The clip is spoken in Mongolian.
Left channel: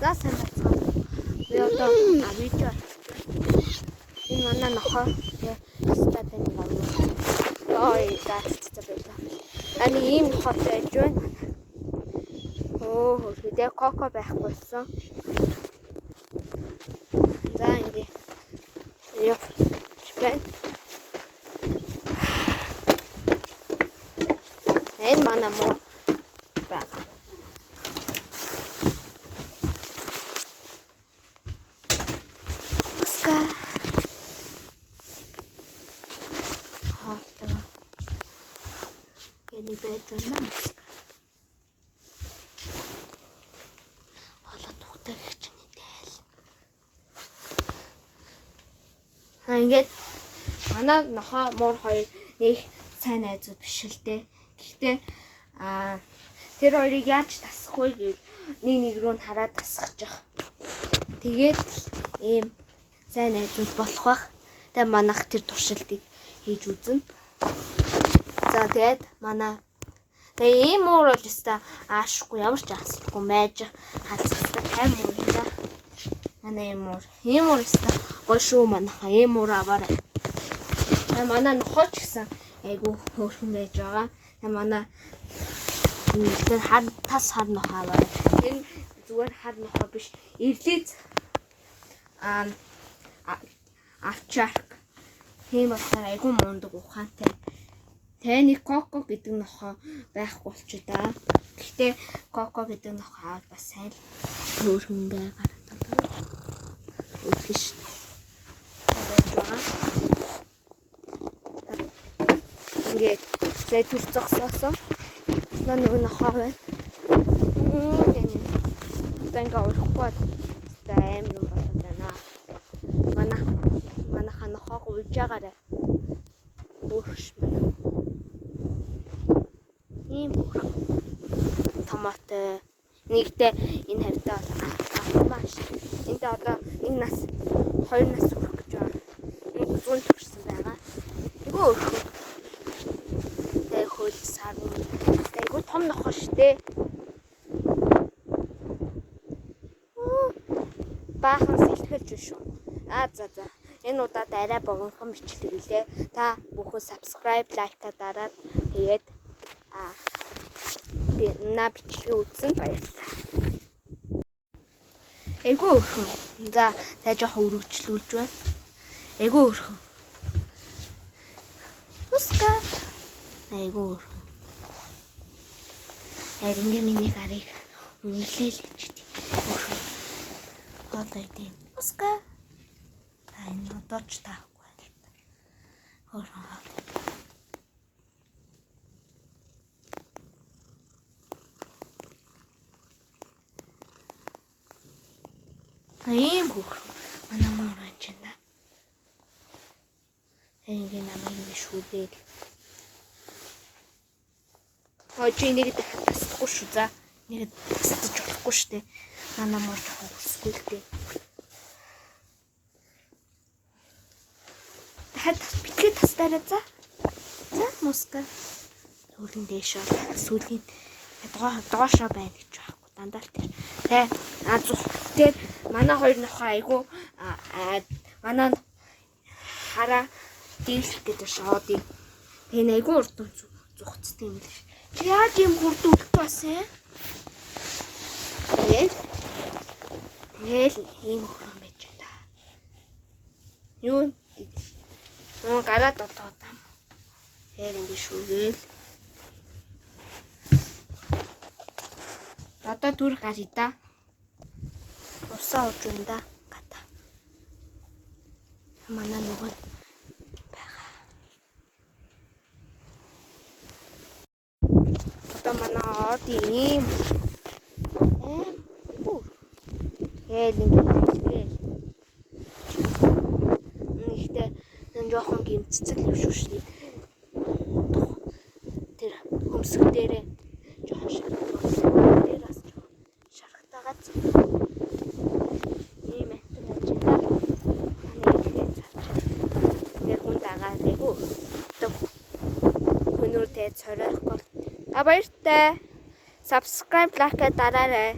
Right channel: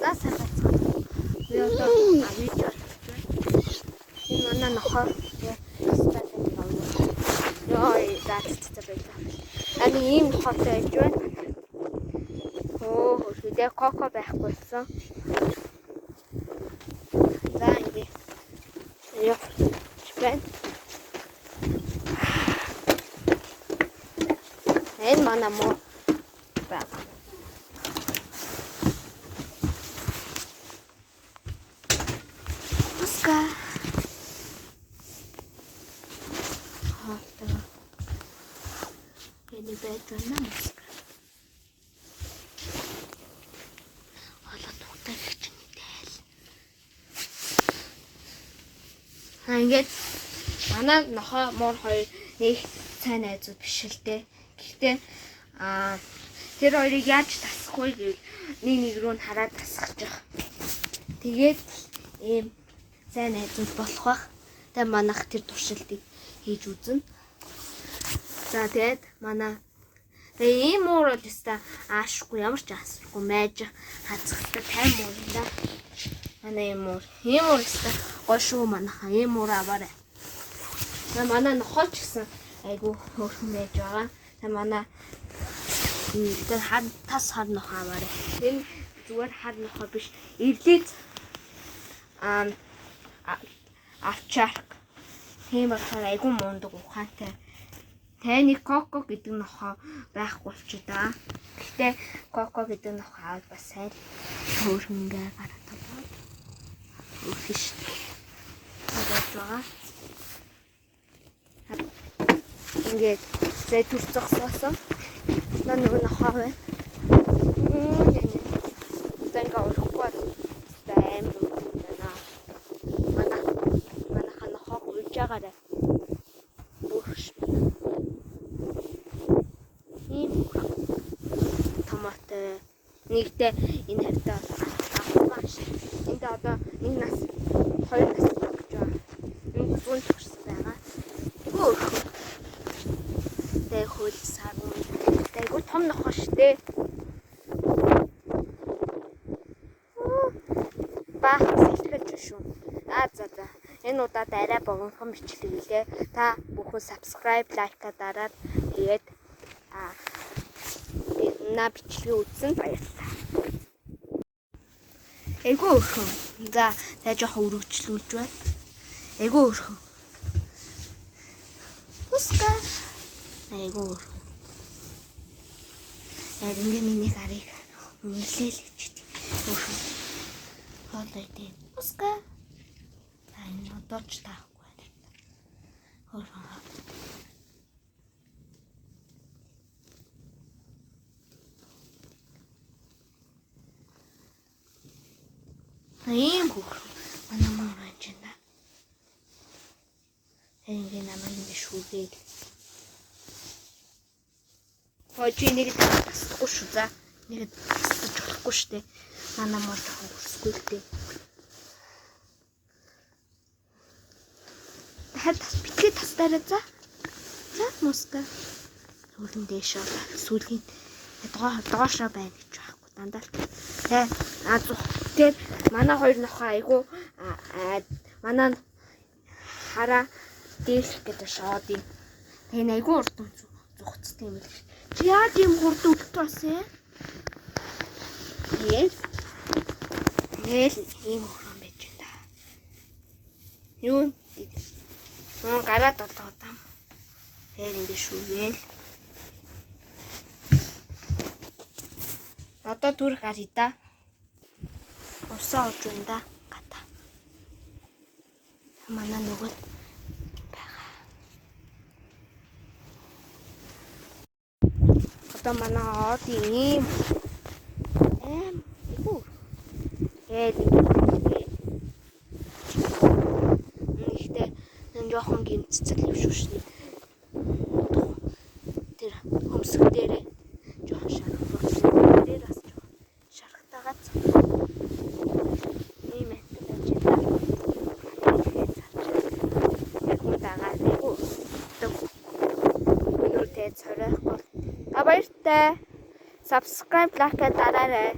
За сайн байна. Би одоо видео энэ манай нохоо стат энэ яваа. Ой, даацтай байлаа. Ани ийм нохоотой байж байна. Хөдөө коко байхгүй болсон. За ингэ. Яа. Чипэн. Энэ манай муу баг. Уска. Энэ байж байна. Ингээд манай нохоо муур хоёр нэг сайн найзууд биш л дээ. Гэхдээ тэр хоёрыг яаж тасах вэ гэвэл нэг рүү нь хараад тасгаж байгаа. Тэгээд ийм сайн найзууд болох бах. Тэгээ манайх тэр туршилтыг хийж үзнэ. За тэгээд манай тэгээ ийм муур бол өстой аашгүй ямар ч асахгүй майж хацхтай тайм муур. Манай ийм муур өстой гой шүү манайха ийм муур аваарай. Тэгээ манай нохооч гэсэн айгу хөөрхөн байж байгаа. Тэгээ манай тэр тас хар нохоо аваарай. Энэ зүгээр хар нохоо биш. Эвлээд авчаарк. Тийм болохоор айгу мундаг ухаантай. Тэний коко гэдэг нохоо байхгүй болчихоо да. Гэхдээ коко гэдэг нохоо аваад бас сайн хөөрхөнгөө гараад байгаа. Өөхөш. Ингээд зэ төрцөксөөсөн. Нэг нохоо байна. Тэнга уушгүй тайм байна. Манай нохоо үлж байгаарай. Өөхөш. Томатой нэгдээ энэ хавьтаа авмааш. Энд одоо энэ нас 2 нас өгч байгаа. Энэ зүүн төгссөн байгаа. Тэгвэл өөхөө. Тэг хөл сар мөн. Тэгвэл том нохоо штэ. Баах сэтгэлж шүү. За. Энэ удаад арай богинохон бичлэг үлээ. Та бүхэн subscribe, like-а дараад тэгээд бичлэг үзсэн баярлалаа. Эйгүү өрхөн. За тааж өргөжлүүлж байна. Эйгүү өрхөн. Уска. Эйгүү өрхөн. Ингээ миний гарыг үнэлээл гэж тий. Өрхөн. Хоолой дээ. Уска. Энэ одооч таахгүй байна л та. Өрхөн. Ийм хөөрхөн манай муу байж байна. Ингээ намайг ингэ шүүдээл. Чи нэг тасахгүй шүү за. Нэг тасдаж болохгүй шүү дээ. Манай муу жоохон хүсгүй л дээ. Дахиад битгий тастаарай за. За муска. Сүүлийн дэшээ сүүлийн доошоо байна гэж байхгүй дандаа. Тэгээд манай хоёр нохоо айгу манай хараа дийлэх гэдэг шоодыг. Тэгээ айгу урд зүгцтэй юм л. Чи яаж юм хурд үлдэх басан? Тэгэл ийм хөрөн байж байна. Юу? Гараад болоодаа. Тэр ингэ шүүгээл. Одоо түр гаръя да. Усаа ууж байна да. Гата. Манай нөгөө байгаа. Одоо манай од ийм. Нэгтэй энэ жоохон гимцэцэл юм шүү шний. Тэр хөмсг дээрээ жоохон шаргалтуулсан. Тэр бас шаргалтаагаад ийм мэтэр байж байна. Хүн дагаад юу? Өнөөдөр тэ цоройхгүй. Баяртай. Subscribe, like дараарай.